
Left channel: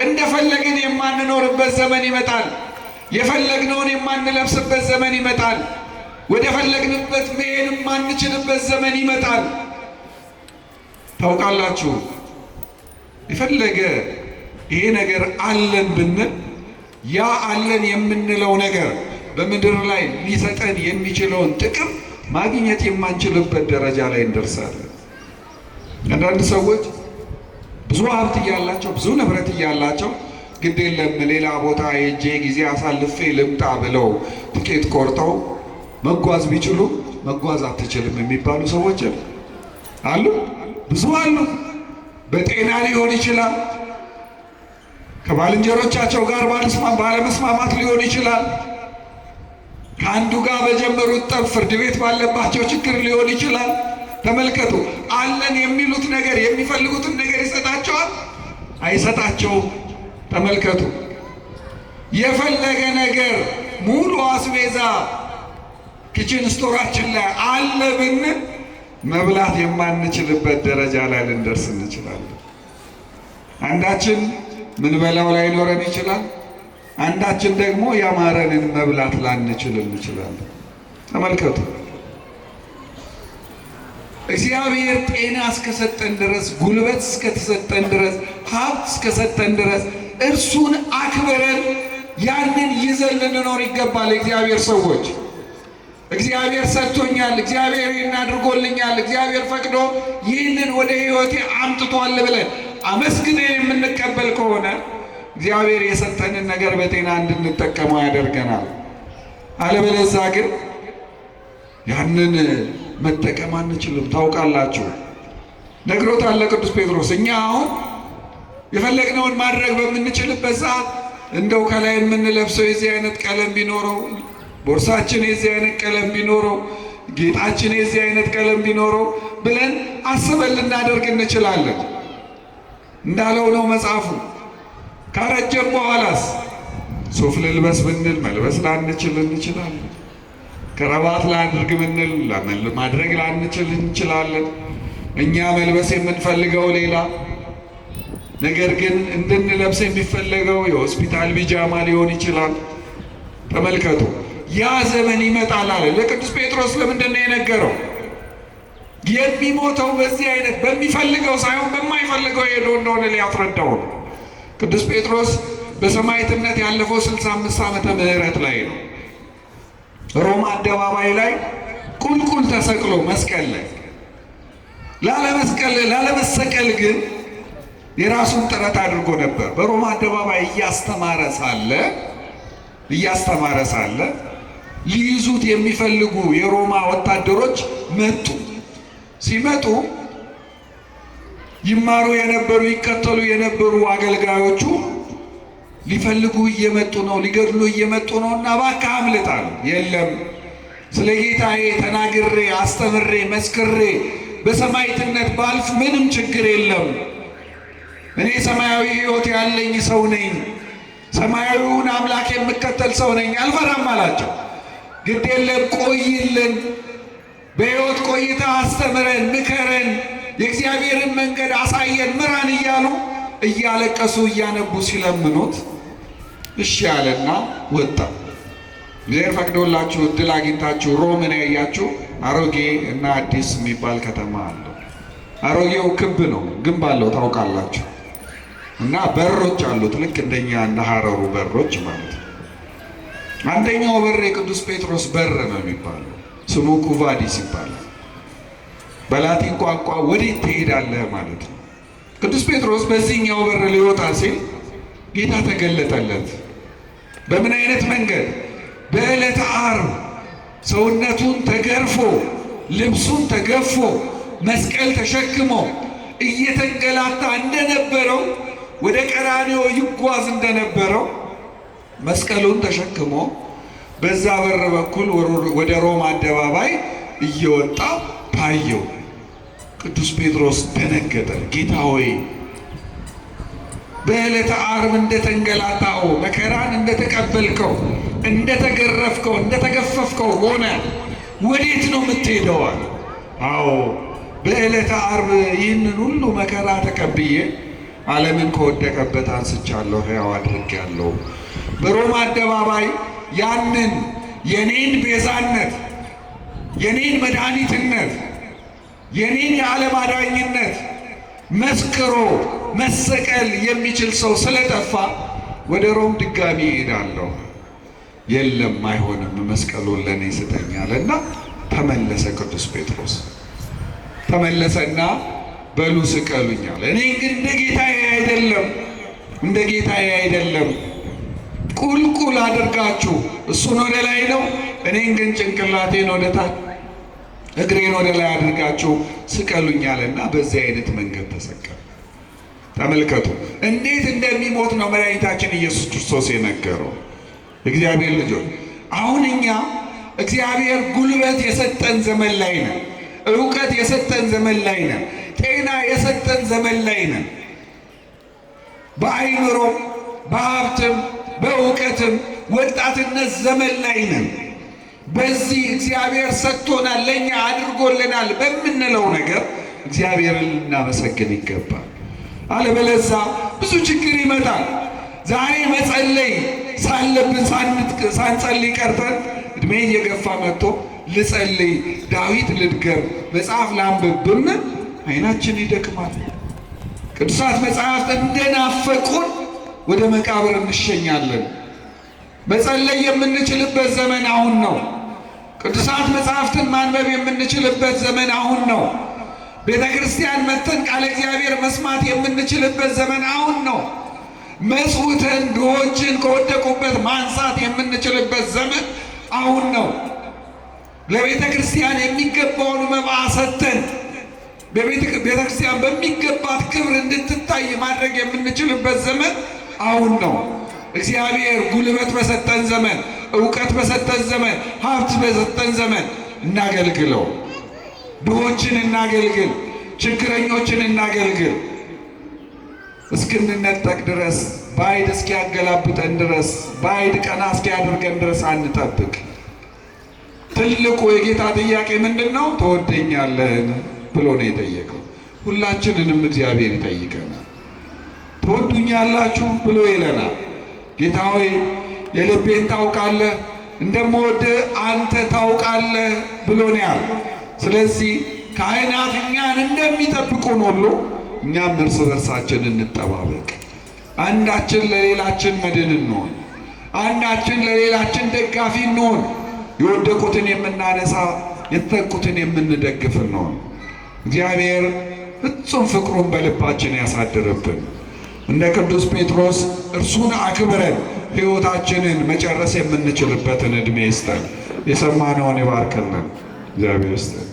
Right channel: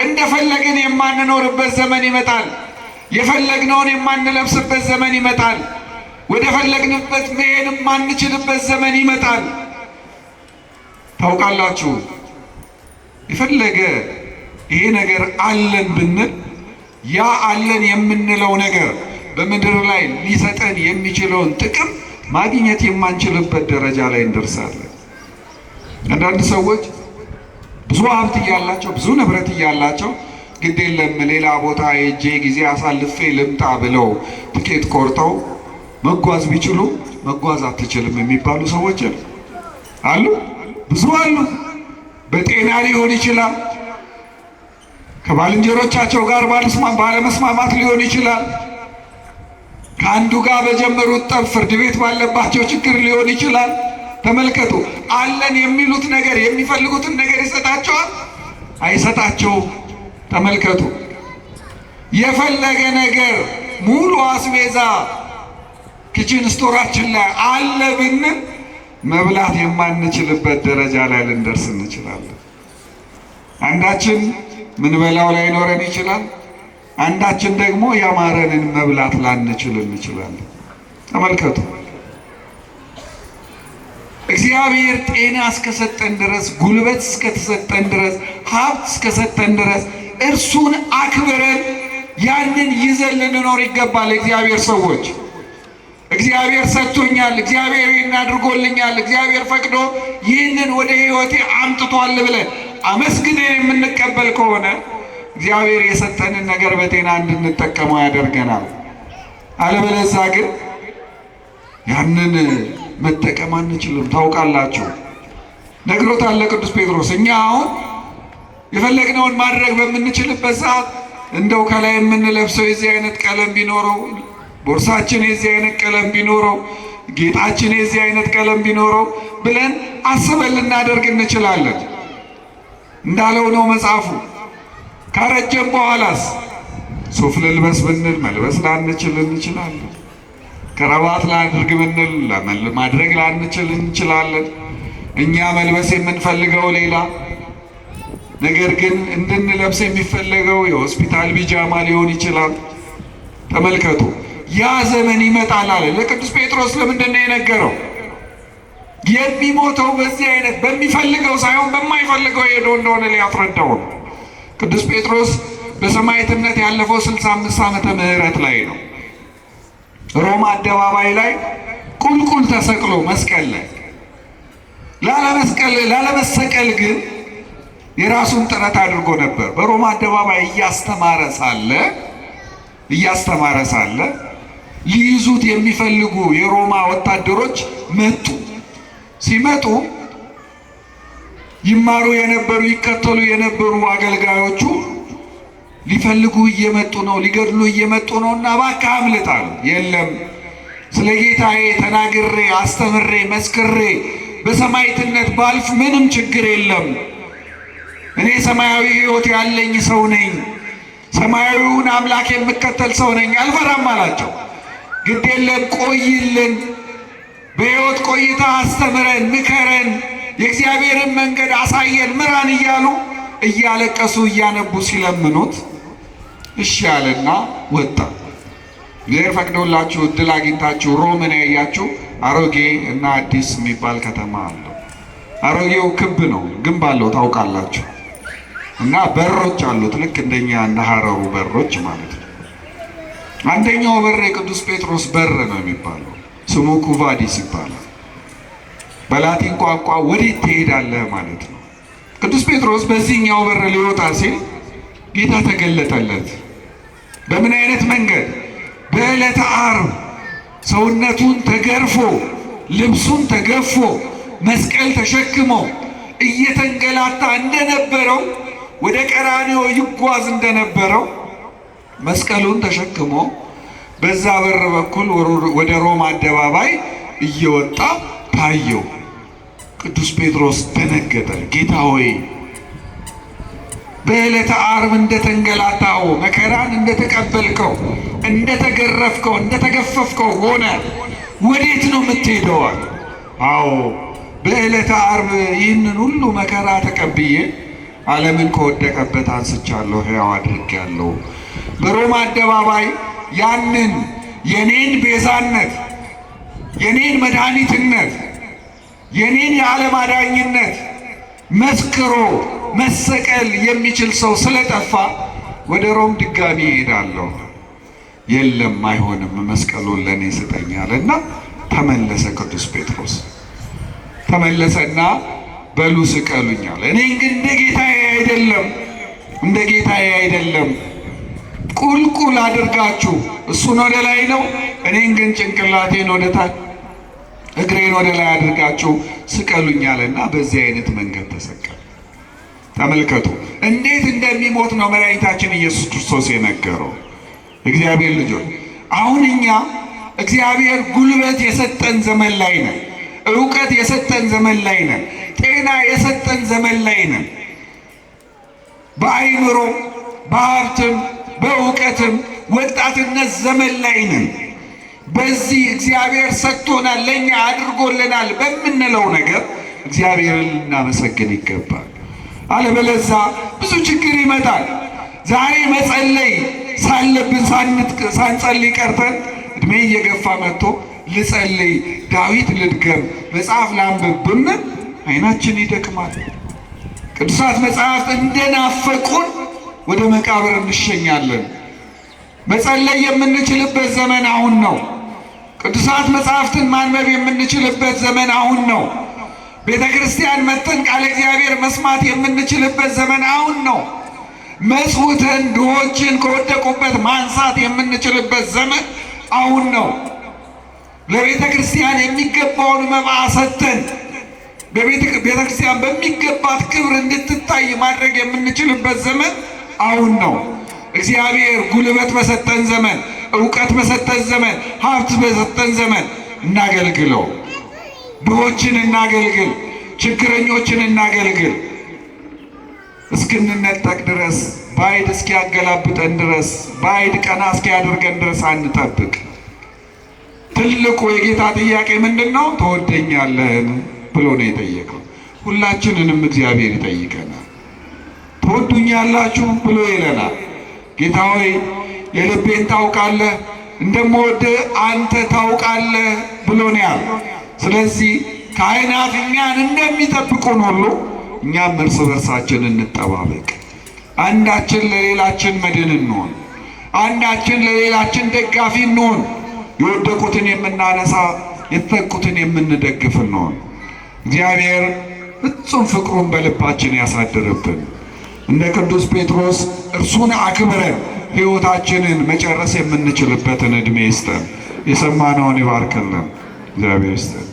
እንደፈለግን የማንኖርበት ዘመን ይመጣል። የፈለግነውን የማንለብስበት ዘመን ይመጣል። ወደ ፈለግንበት መሄድ የማንችልበት ዘመን ይመጣል። ታውቃላችሁ፣ የፈለገ ይሄ ነገር አለን ብንል ያ አለን የምንለው ነገር በምድር ላይ ሊሰጠን የሚችለውን ጥቅም ማግኘት የማንችልበት ደረጃ ላይ እንደርሳለን። አንዳንድ ሰዎች ብዙ ሀብት እያላቸው ብዙ ንብረት እያላቸው ግድ የለም ሌላ ቦታ ሄጄ ጊዜ አሳልፌ ልምጣ ብለው ትኬት ቆርጠው መጓዝ ቢችሉ መጓዝ አትችልም የሚባሉ ሰዎች አሉ። ብዙ አሉ። በጤና ሊሆን ይችላል፣ ከባልንጀሮቻቸው ጋር ባለመስማማት ሊሆን ይችላል፣ ከአንዱ ጋር በጀመሩት ጠብ ፍርድ ቤት ባለባቸው ችግር ሊሆን ይችላል። ተመልከቱ፣ አለን የሚሉት ነገር የሚፈልጉትን ነገር ይሰጣቸዋል? አይሰጣቸውም። ተመልከቱ፣ የፈለገ ነገር ሙሉ አስቤዛ ኪችን ስቶራችን ላይ አለ ብንል መብላት የማንችልበት ደረጃ ላይ ልንደርስ እንችላለን። አንዳችን ምንበላው ላይኖረን ይችላል። አንዳችን ደግሞ ያማረንን መብላት ላንችል እንችላለን። ተመልከቱ፣ እግዚአብሔር ጤና እስከሰጠን ድረስ፣ ጉልበት እስከተሰጠን ድረስ፣ ሀብት እስከሰጠን ድረስ እርሱን አክብረን ያንን ይዘን ልንኖር ይገባል። እግዚአብሔር ሰዎች እግዚአብሔር ሰጥቶኛል፣ እግዚአብሔር ይህን አድርጎልኛል፣ እግዚአብሔር ፈቅዶ ይህንን ወደ ሕይወቴ አምጥቷል ብለን አመስግነን የምንቀበል ከሆነ እግዚአብሔር የሰጠንን ነገር በጤና እንድንጠቀመው ያደርገናል። አለበለዚያ ግን ያንን መጠቀም አንችልም። ታውቃላችሁ፣ ነግሮታል ቅዱስ ጴጥሮስ። እኛ አሁን የፈለግነውን ማድረግ በምንችልበት ሰዓት እንደው ከላይ የምንለብሰው የዚህ አይነት ቀለም ቢኖረው፣ ቦርሳችን የዚህ አይነት ቀለም ቢኖረው፣ ጌጣችን የዚህ አይነት ቀለም ቢኖረው ብለን አስበን ልናደርግ እንችላለን። እንዳለው ነው መጽሐፉ። ካረጀም በኋላስ ሱፍ ልልበስ ብንል መልበስ ላንችል እንችላለን። ከረባት ላድርግ ብንል ማድረግ ላንችል እንችላለን። እኛ መልበስ የምንፈልገው ሌላ ነገር ግን እንድንለብስ የሚፈለገው የሆስፒታል ቢጃማ ሊሆን ይችላል። ተመልከቱ፣ ያ ዘመን ይመጣል አለ ለቅዱስ ጴጥሮስ። ለምንድን ነው የነገረው? የሚሞተው በዚህ አይነት በሚፈልገው ሳይሆን በማይፈልገው ሄዶ እንደሆነ ሊያስረዳው ነው። ቅዱስ ጴጥሮስ በሰማዕትነት ያለፈው 65 ዓመተ ምህረት ላይ ነው። ሮማ አደባባይ ላይ ቁልቁል ተሰቅሎ መስቀል ላይ ላለመሰቀል ግን የራሱን ጥረት አድርጎ ነበር። በሮማ አደባባይ እያስተማረ ሳለ ሊይዙት የሚፈልጉ የሮማ ወታደሮች መጡ። ሲመጡ ይማሩ የነበሩ ይከተሉ የነበሩ አገልጋዮቹ ሊፈልጉ እየመጡ ነው፣ ሊገድሉ እየመጡ ነውና እባክህ አምልጥ አሉ። የለም ስለ ጌታዬ ተናግሬ አስተምሬ መስክሬ በሰማዕትነት ባልፍ ምንም ችግር የለም። እኔ ሰማያዊ ሕይወት ያለኝ ሰው ነኝ፣ ሰማያዊውን አምላክ የምከተል ሰው ነኝ፣ አልፈራም አላቸው። ግድ የለም ቆይልን፣ በሕይወት ቆይታ አስተምረን፣ ምከረን፣ የእግዚአብሔርን መንገድ አሳየን፣ ምራን እያሉ እያለቀሱ እያነቡ ሲለምኑት እሺ አለና ወጣ። እግዚአብሔር ፈቅዶላችሁ እድል አግኝታችሁ ሮምን ያያችሁ አሮጌ እና አዲስ የሚባል ከተማ አለው። አሮጌው ክብ ነው፣ ግንብ አለው ታውቃላችሁ። እና በሮች አሉት፣ ልክ እንደኛ እንደ ሀረሩ በሮች ማለት ነው። አንደኛው በር የቅዱስ ጴጥሮስ በር ነው የሚባለው፣ ስሙ ኩቫዲስ ይባላል። በላቲን ቋንቋ ወዴት ትሄዳለህ ማለት ነው። ቅዱስ ጴጥሮስ በዚህኛው በር ሊወጣ ሲል ጌታ ተገለጠለት። በምን አይነት መንገድ? በዕለተ ዓርብ ሰውነቱን ተገርፎ ልብሱን ተገፎ መስቀል ተሸክሞ እየተንገላታ እንደነበረው ወደ ቀራንዮ ይጓዝ እንደነበረው መስቀሉን ተሸክሞ በዛ በር በኩል ወደ ሮማ አደባባይ እየወጣ ታየው። ቅዱስ ጴጥሮስ ደነገጠ። ጌታ ሆይ በዕለተ ዓርብ እንደተንገላታው መከራን እንደተቀበልከው እንደተገረፍከው እንደተገፈፍከው ሆነ ወዴት ነው የምትሄደው? አዎ በዕለተ ዓርብ ይህንን ሁሉ መከራ ተቀብዬ ዓለምን ከወደቀበት አንስቻለሁ፣ ሕያው አድርጌያለሁ። በሮማ አደባባይ ያንን የኔን ቤዛነት፣ የኔን መድኃኒትነት፣ የኔን የዓለም አዳኝነት መስክሮ መሰቀል የሚችል ሰው ስለጠፋ ወደ ሮም ድጋሚ ይሄዳለሁ። የለም አይሆንም፣ መስቀሉን ለእኔ ስጠኝ አለና ተመለሰ። ቅዱስ ጴጥሮስ ተመለሰና በሉ ስቀሉኝ አለ። እኔ ግን እንደ ጌታዬ አይደለም፣ ቁልቁል አድርጋችሁ እሱን ወደ ላይ ነው፣ እኔን ግን ጭንቅላቴን ወደ ታች እግሬን ወደ ላይ አድርጋችሁ ስቀሉኝ አለና በዚህ አይነት መንገድ ተሰቀለ። ተመልከቱ እንዴት እንደሚሞት ነው መድኃኒታችን ኢየሱስ ክርስቶስ የነገረው። እግዚአብሔር ልጆች አሁን እኛ እግዚአብሔር ጉልበት የሰጠን ዘመን ላይ ነን። ዕውቀት የሰጠን ዘመን ላይ ነን። ጤና የሰጠን ዘመን ላይ ነን። በአይምሮ በሀብትም በእውቀትም ወጣትነት ዘመን ላይ ነን። በዚህ እግዚአብሔር ሰጥቶናል፣ ለእኛ አድርጎልናል በምንለው ነገር እግዚአብሔርን ልናመሰግን ይገባል። አለበለዚያ ብዙ ችግር ይመጣል። ዛሬ መጸለይ ሳለብን ሳንጸልይ ቀርተን እድሜ እየገፋ መጥቶ ልጸልይ፣ ዳዊት ልድገም፣ መጽሐፍ ላንብብ ብንል አይናችን ይደክማል። ቅዱሳት መጽሐፍት እንደናፈቁን ወደ መቃብር እንሸኛለን። መጸለይ የምንችልበት ዘመን አሁን ነው። ቅዱሳት መጽሐፍትን ማንበብ የምንችልበት ዘመን አሁን ነው። ቤተ ክርስቲያን መጥተን ቃለ እግዚአብሔር መስማት የምንችልበት ዘመን አሁን ነው። መስውተን ድሆችን ከወደቁበት ማንሳት የምንችልበት ዘመን አሁን ነው። ለቤተ ክርስቲያን የሚገባውን መባ ሰጥተን ቤተ ክርስቲያን በሚገባት ክብር እንድትታይ ማድረግ የምንችልበት ዘመን አሁን ነው። እግዚአብሔር ጉልበት በሰጠን ዘመን፣ ዕውቀት በሰጠን ዘመን፣ ሀብት በሰጠን ዘመን እናገልግለው። ድሆችን እናገልግል፣ ችግረኞችን እናገልግል። እስክንነጠቅ ድረስ ባዕድ እስኪያገላብጠን ድረስ ባዕድ ቀና እስኪያደርገን ድረስ አንጠብቅ። ትልቁ የጌታ ጥያቄ ምንድን ነው? ትወደኛለህን ብሎ ነው የጠየቀው። ሁላችንንም እግዚአብሔር ይጠይቀናል። ትወዱኛላችሁ ብሎ ይለናል። ጌታ ሆይ የልቤን ታውቃለህ፣ እንደምወድህ አንተ ታውቃለህ ብሎ ነው ያለው። ስለዚህ ካህናት እኛን እንደሚጠብቁን ሁሉ እኛም እርስ በርሳችን እንጠባበቅ። አንዳችን ለሌላችን መድን እንሆን፣ አንዳችን ለሌላችን ደጋፊ እንሆን። የወደቁትን የምናነሳ፣ የተጠቁትን የምንደግፍ እንሆን። እግዚአብሔር ፍጹም ፍቅሩን በልባችን ያሳድርብን። እንደ ቅዱስ ጴጥሮስ እርሱን አክብረን ሕይወታችንን መጨረስ የምንችልበትን ዕድሜ ይስጠን። የሰማነውን ይባርክልን። እግዚአብሔር ይስጠን።